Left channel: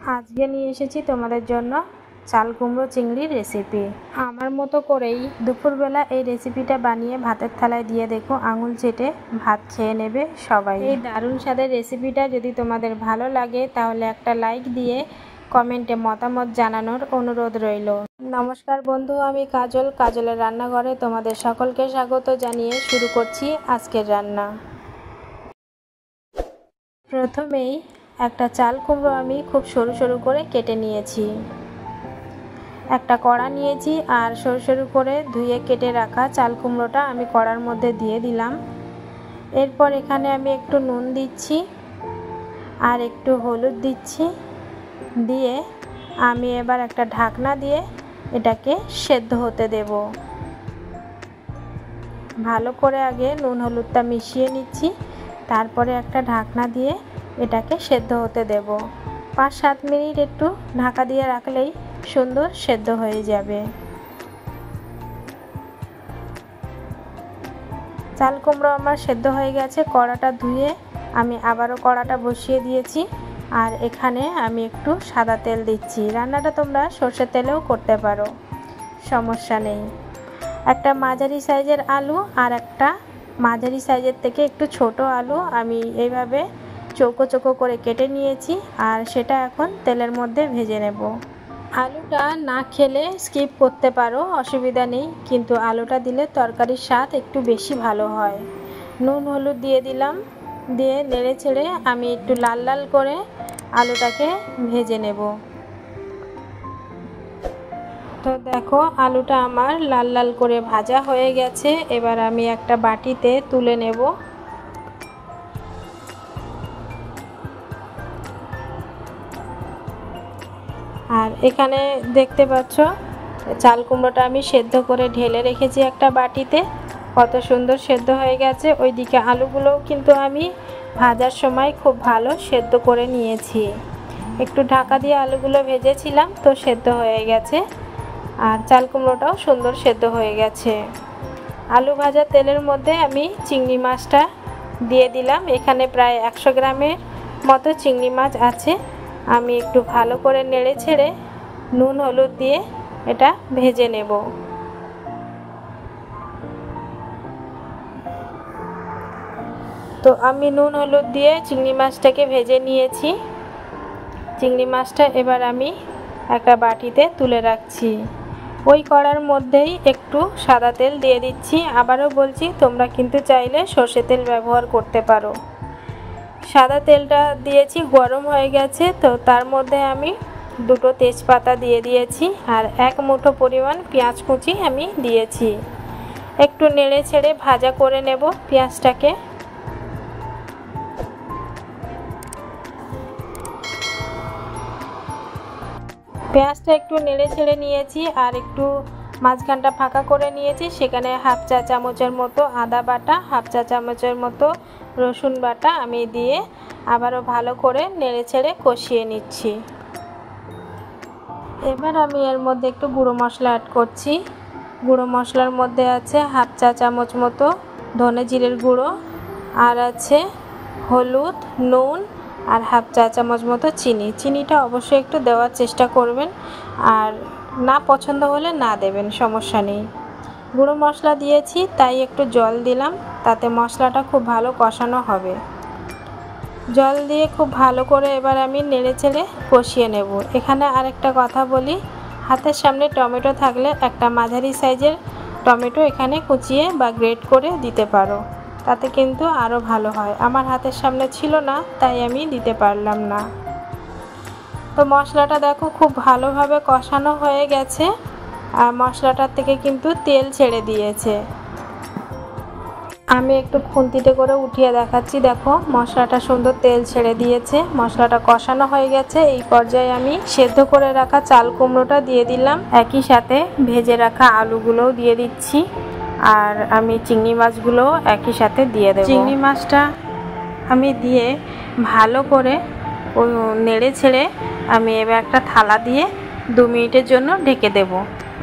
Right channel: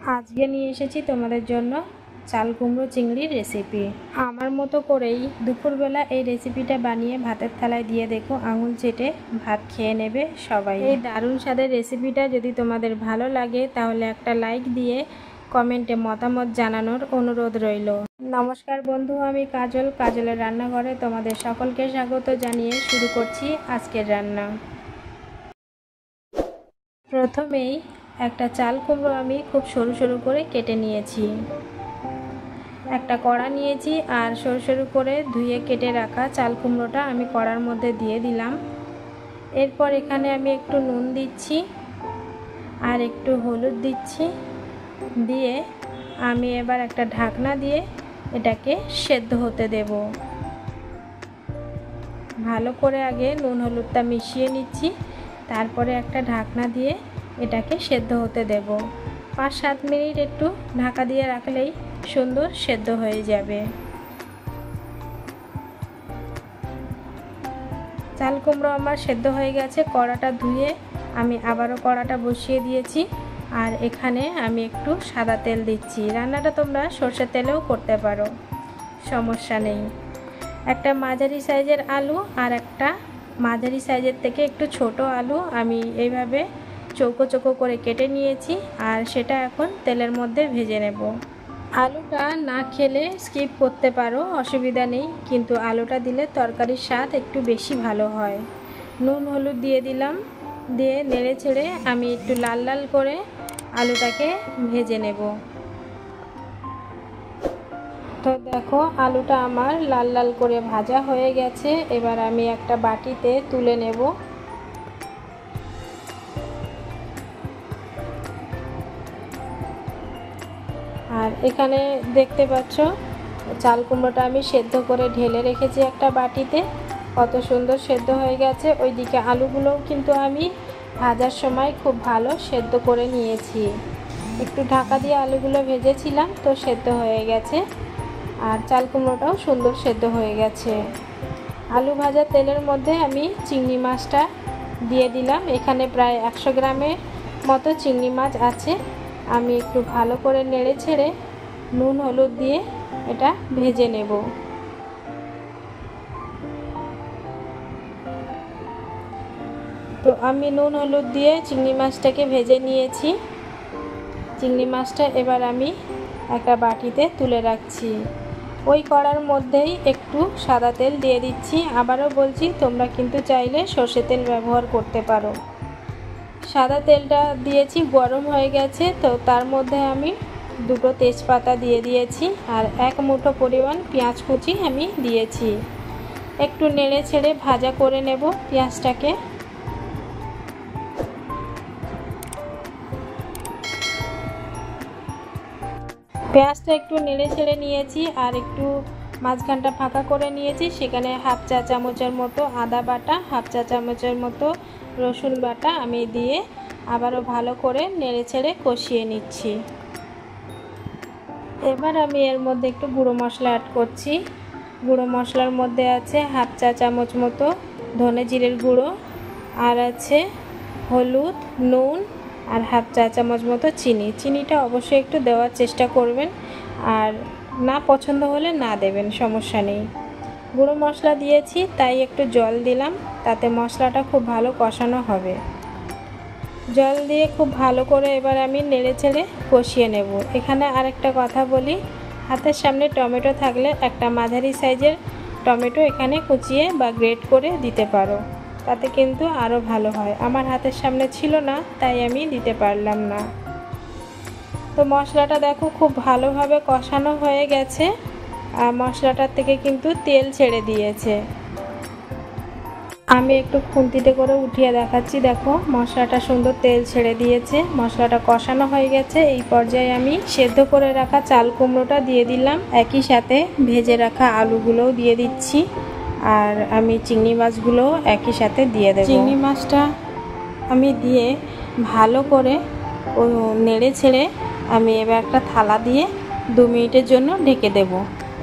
আজকে নিয়ে এসেছি তোমাদের জন্য চাল কুমড়ো চিংড়ির রেসিপি। আমার মতো করেই দুপুরবেলা এই রেসিপিটা বানিয়ে ভাতের থালায় দিয়ে দেখো, আঙুল চেটে ভাত খেয়ে নেবে সবাই। এই দারুণ স্বাদের রেসিপিটা যদি তোমাদের ভালো লাগে তাহলে একটা লাইক দিয়ে কমেন্টে মতামত জানানোর অনুরোধ রইল। নমস্কার বন্ধু, আমি কাজল, কাজলের রান্নাঘরে তোমাদের সকলকে স্বাগত জানিয়ে শুরু করছি আজকের রান্না। প্রথমেই একটা চাল কুমড়ো আমি খুব সরু সরু করে কেটে নিয়েছি। একটা কড়া নিয়েছি আর সরু সরু করে ধুয়ে কেটে রাখা চাল কুমড়োটা আমি কড়ার মধ্যে দিয়ে দিলাম। এরপর এখানে আমি একটু নুন দিচ্ছি আর একটু হলুদ দিচ্ছি, দিয়ে আমি এবার একটা ঢাকনা দিয়ে এটাকে সেদ্ধ হতে দেব। ভালো করে আগে নুন হলুদটা মিশিয়ে নিচ্ছি, তারপরে একটা ঢাকনা দিয়ে এটাকে সেদ্ধ হতে দেব। 5-7 মিনিট একটু ঢাকা দিয়ে রাখলেই সুন্দর সেদ্ধ হয়ে যাবে। চাল কুমড়ো আমার সেদ্ধ হয়ে গেছে। কড়াটা ধুয়ে আমি আবারও কড়াটা বসিয়ে দিয়েছি আর এখানে আমি একটু সাদা তেল দিচ্ছি। রান্নাটা তোমরা সর্ষের তেলেও করতে পারো, সমস্যা নেই। একটা মাঝারি সাইজের আলু আর একটা মাঝারি সাইজের থেকে একটু ছোট আলু আমি এইভাবে চৌকো চৌকো করে কেটে নিয়েছি আর সেটা এখন তেলের মধ্যে ভেজে নেব। আলুটা না খেলে স্কিপ করতে পারো, অসুবিধা নেই, কিন্তু আলুটা দিলে তরকারির স্বাদ একটু বেশি ভালো হয়। নুন হলুদ দিয়ে দিলাম, দিয়ে নেড়ে ছেড়ে আমি একটু লাল লাল করে আলুটাকে ভেজে নেব। তো দেখো, আলুটা আমার লাল লাল করে ভাজা হয়ে গেছে। এবার আমি একটা বাটিতে তুলে নেব। আর এখানে দেখতে পাচ্ছ চাল কুমড়োটা আমি সেদ্ধ করে ঢেলে রেখেছি একটা বাটিতে। কত সুন্দর সেদ্ধ হয়ে গেছে। ওইদিকে আলুগুলোও কিন্তু আমি ভাজার সময় খুব ভালো সেদ্ধ করে নিয়েছি। একটু ঢাকা দিয়ে আলুগুলো ভেজেছিলাম, তো সেদ্ধ হয়ে গেছে। আর চাল কুমড়োটাও সুন্দর সেদ্ধ হয়ে গেছে। আলু ভাজা তেলের মধ্যে আমি চিংড়ি মাছটা দিয়ে দিলাম। এখানে প্রায় 100 গ্রামের মতো চিংড়ি মাছ আছে। আমি একটু ভালো করে নেড়ে ছেড়ে নুন হলুদ দিয়ে এটা ভেজে নেব। তো আমি নুন হলুদ দিয়ে চিংড়ি মাছটাকে ভেজে নিয়েছি। চিংড়ি মাছটা এবার আমি একটা বাটিতে তুলে রাখছি। ওই কড়ার মধ্যেই একটু সাদা তেল দিয়ে দিচ্ছি। আবারও বলছি, তোমরা কিন্তু চাইলে সর্ষে তেল ব্যবহার করতে পারো। সাদা তেলটা দিয়েছি, গরম হয়ে গেছে। তো তার মধ্যে আমি 2টো তেজপাতা দিয়ে দিয়েছি আর 1 মুঠো পরিমাণ পেঁয়াজ কুচি আমি দিয়েছি। একটু নেড়ে ছেড়ে ভাজা করে নেব পেঁয়াজটাকে। পেঁয়াজটা একটু নেড়ে ছেড়ে নিয়েছি আর একটু মাঝখানটা ফাঁকা করে নিয়েছি। সেখানে 1/2 চা চামচের মতো আদা বাটা, 1/2 চা চামচের মতো রসুন বাটা আমি দিয়ে আবারও ভালো করে নেড়ে ছেড়ে কষিয়ে নিচ্ছি। এবার আমি এর মধ্যে একটু গুঁড়ো মশলা অ্যাড করছি। গুঁড়ো মশলার মধ্যে আছে 1/2 চা চামচ মতো ধনে জিরের গুঁড়ো, আর আছে হলুদ, নুন আর 1/2 চা চামচ মতো চিনি। চিনিটা অবশ্যই একটু দেওয়ার চেষ্টা করবেন, আর না পছন্দ হলে না দেবেন, সমস্যা নেই। গুঁড়ো মশলা দিয়েছি তাই একটু জল দিলাম, তাতে মশলাটা খুব ভালো কষানো হবে। জল দিয়ে খুব ভালো করে এবার আমি নেড়ে ছেড়ে কষিয়ে নেব। এখানে আরেকটা কথা বলি, হাতের সামনে টমেটো থাকলে একটা মাঝারি সাইজের টমেটো এখানে কুচিয়ে বা গ্রেট করে দিতে পারো, তাতে কিন্তু আরও ভালো হয়। আমার হাতের সামনে ছিল না তাই আমি দিতে পারলাম না। তো মশলাটা দেখো খুব ভালোভাবে কষানো হয়ে গেছে আর মশলাটার থেকে কিন্তু তেল ছেড়ে দিয়েছে। আমি একটু খুন্তিতে করে উঠিয়ে দেখাচ্ছি। দেখো মশলাটা সুন্দর তেল ছেড়ে দিয়েছে, মশলাটা কষানো হয়ে গেছে। এই পর্যায়ে আমি সেদ্ধ করে রাখা চাল কুমড়োটা দিয়ে দিলাম, একই সাথে ভেজে রাখা আলুগুলোও দিয়ে দিচ্ছি আর আমি চিংড়ি মাছগুলোও একই সাথে দিয়ে দেব। চিংড়ি মাছটা আমি দিয়ে ভালো করে নেড়ে ছেড়ে আমি এবার একটা থালা দিয়ে 2 মিনিটের জন্য ঢেকে দেব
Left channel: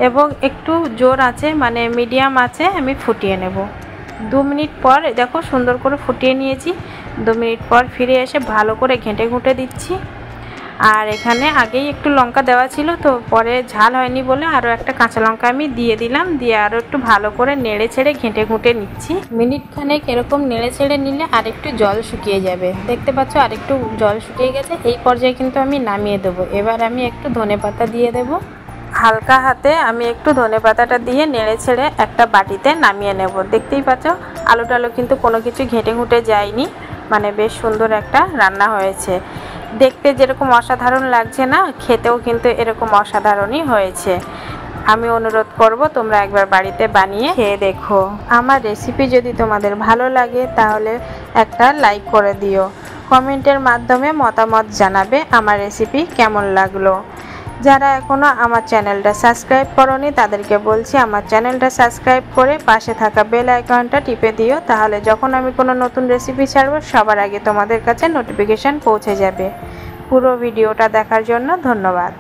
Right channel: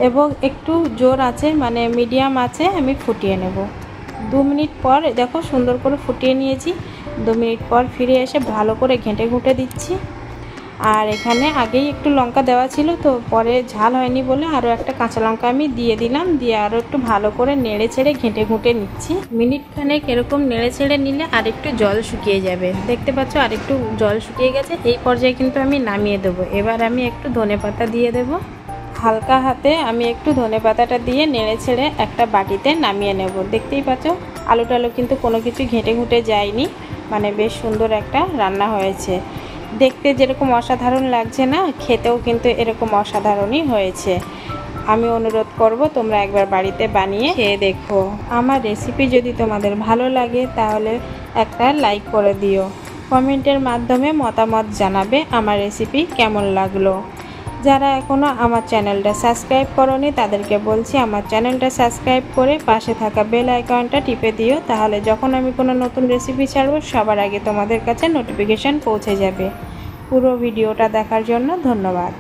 এবং একটু জোর আছে মানে মিডিয়াম আছে আমি ফুটিয়ে নেব। 2 মিনিট পর দেখো সুন্দর করে ফুটিয়ে নিয়েছি। 2 মিনিট পর ফিরে এসে ভালো করে ঘেঁটে ঘুঁটে দিচ্ছি আর এখানে আগেই একটু লঙ্কা দেওয়া ছিল, তো পরে ঝাল হয়নি বলে আরও একটা কাঁচা লঙ্কা আমি দিয়ে দিলাম। দিয়ে আরও একটু ভালো করে নেড়ে ছেড়ে ঘেঁটে ঘুঁটে নিচ্ছি। মিনিট খানেক এরকম নেড়ে ছেড়ে নিলে আরেকটু জল শুকিয়ে যাবে। দেখতে পাচ্ছ আরেকটু জল শুকিয়ে গেছে। এই পর্যায়ে কিন্তু আমি নামিয়ে দেবো। এবার আমি একটু ধনেপাতা দিয়ে দেবো। হালকা হাতে আমি একটু ধনেপাতাটা দিয়ে নেড়ে ছেড়ে একটা বাটিতে নামিয়ে নেব। দেখতেই পাচ্ছ আলু টালু কিন্তু কোনো কিছু ঘেঁটে ঘুঁটে যায়নি, মানে বেশ সুন্দর একটা রান্না হয়েছে। দেখতে যেরকম অসাধারণ লাগছে না, খেতেও কিন্তু এরকম অসাধারণই হয়েছে। আমি অনুরোধ করব তোমরা একবার বাড়িতে বানিয়ে খেয়ে দেখো। আমার রেসিপি যদি তোমাদের ভালো লাগে তাহলে একটা লাইক করে দিও। কমেন্টের মাধ্যমে মতামত জানাবে আমার রেসিপি কেমন লাগলো। যারা এখনও আমার চ্যানেলটা সাবস্ক্রাইব করোনি তাদেরকে বলছি আমার চ্যানেলটা সাবস্ক্রাইব করে পাশে থাকা বেল আইকনটা টিপে দিও, তাহলে যখন আমি কোনো নতুন রেসিপি ছাড়বো সবার আগে তোমাদের কাছে নোটিফিকেশান পৌঁছে যাবে। পুরো ভিডিওটা দেখার জন্য ধন্যবাদ।